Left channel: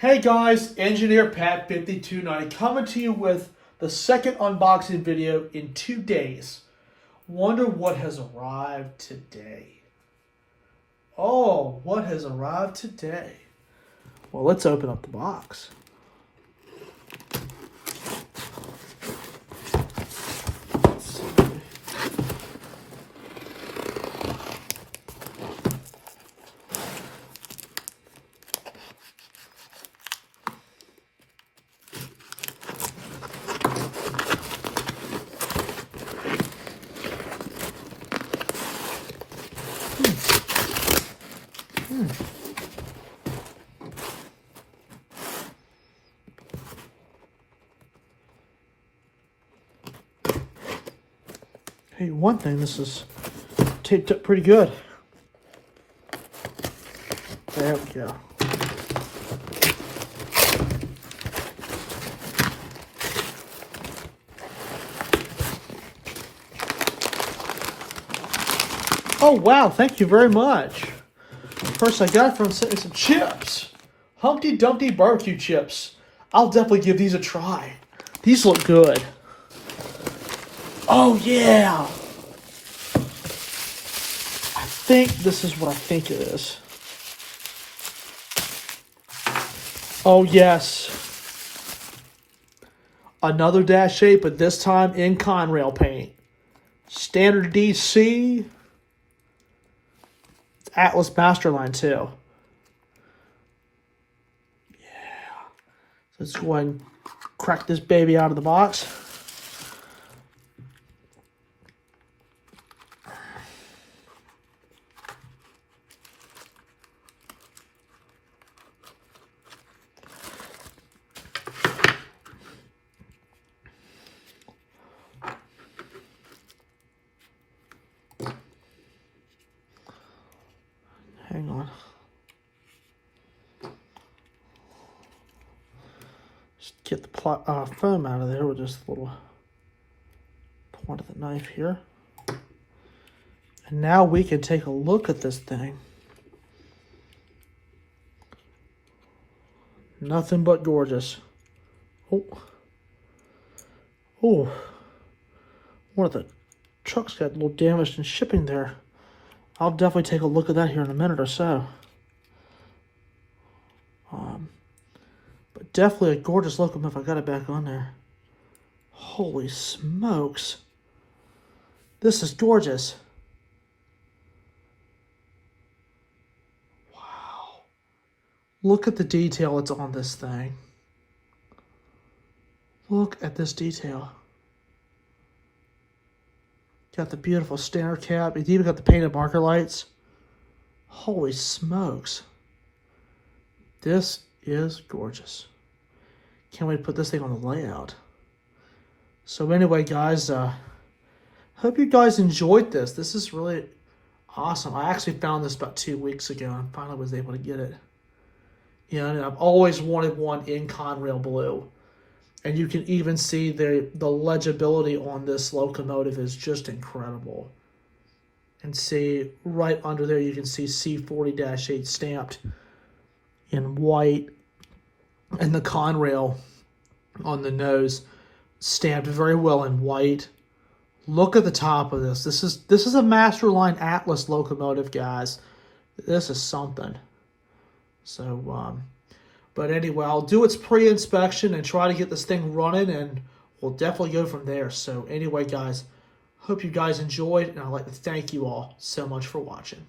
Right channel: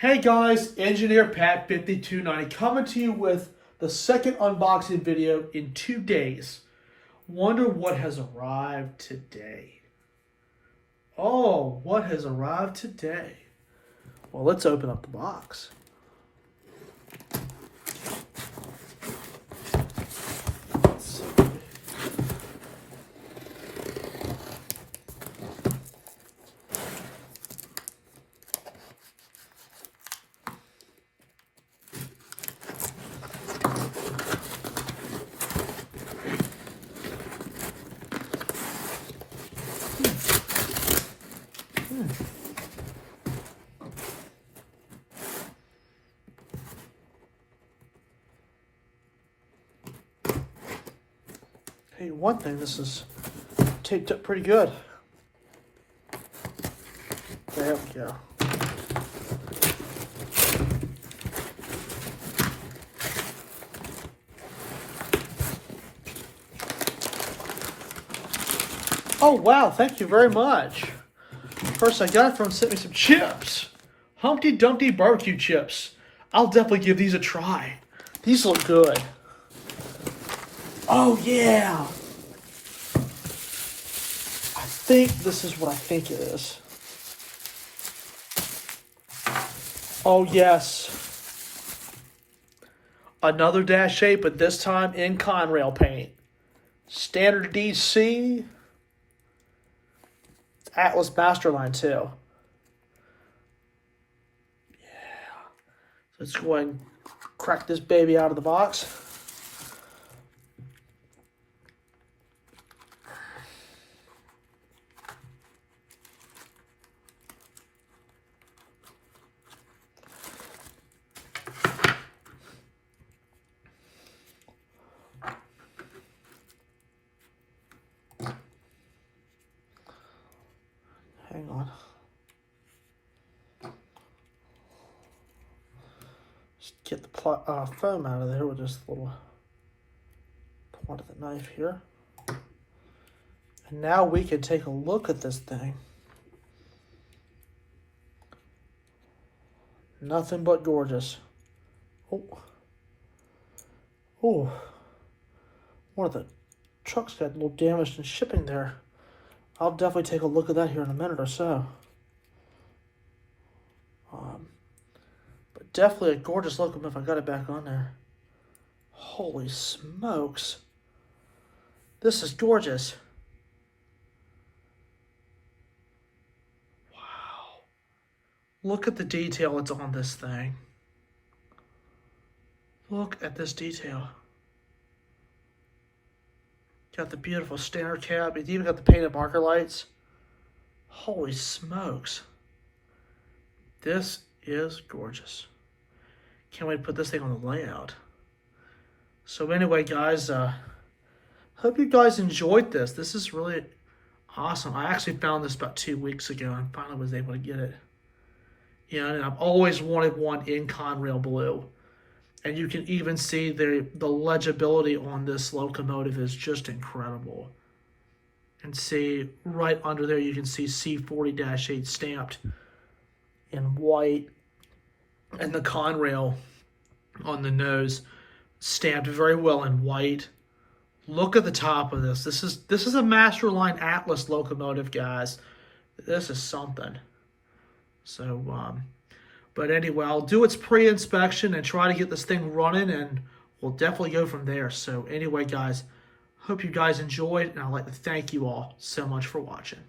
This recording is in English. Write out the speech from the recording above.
Hey guys, Engineer Pat 5290 coming to you with the second unboxing video in 2 days. Wonder what has arrived today. Oh, what has arrived today? Well, let's open up the box. Let's see. Hey, one thing, this is taped up pretty good. There we go. Oh wow, thank you very much. Of course, I got it from sending some chips. Humpty Dumpty barbecue chips. I'll definitely give these a try. These look good. Oh yeah. I think this is what I think it is. Oh yes. Another Dash 8, but this time in Conrail paint. Standard DC. It's Atlas Masterline too. Yeah. So let's go ahead and crack this baby out of the box. Hang on. Just get the foam out of there with this little point of the knife here. And now we can take a look at this thing. Nothing but gorgeous. Oh. Oh. One of the trucks got a little damaged in shipping there. I'll definitely take a look at that here in a minute or so. But definitely a gorgeous locomotive. I got it back on there. Holy smokes. This is gorgeous. Wow. Look at the detail that's on this thing. Look at this detail. Got the beautiful standard cap. It's even got the painted marker lights. Holy smokes. This is gorgeous. Can't wait to put this thing on the layout. So anyway, guys, hope you guys enjoyed this. This is really awesome. I actually found this about 2 weeks ago and finally was able to get it. You know, and I've always wanted one in Conrail blue. And you can even see the legibility on this locomotive is just incredible. And see right under there, you can see C40-8 stamped in white. And the Conrail on the nose stamped very well in white. Look at the top of this. This is a Masterline Atlas locomotive, guys. This is something. So, but anyway, I'll do its pre-inspection and try to get this thing running, and we'll definitely go from there. So anyway, guys, hope you guys enjoyed, and I'd like to thank you all so much for watching.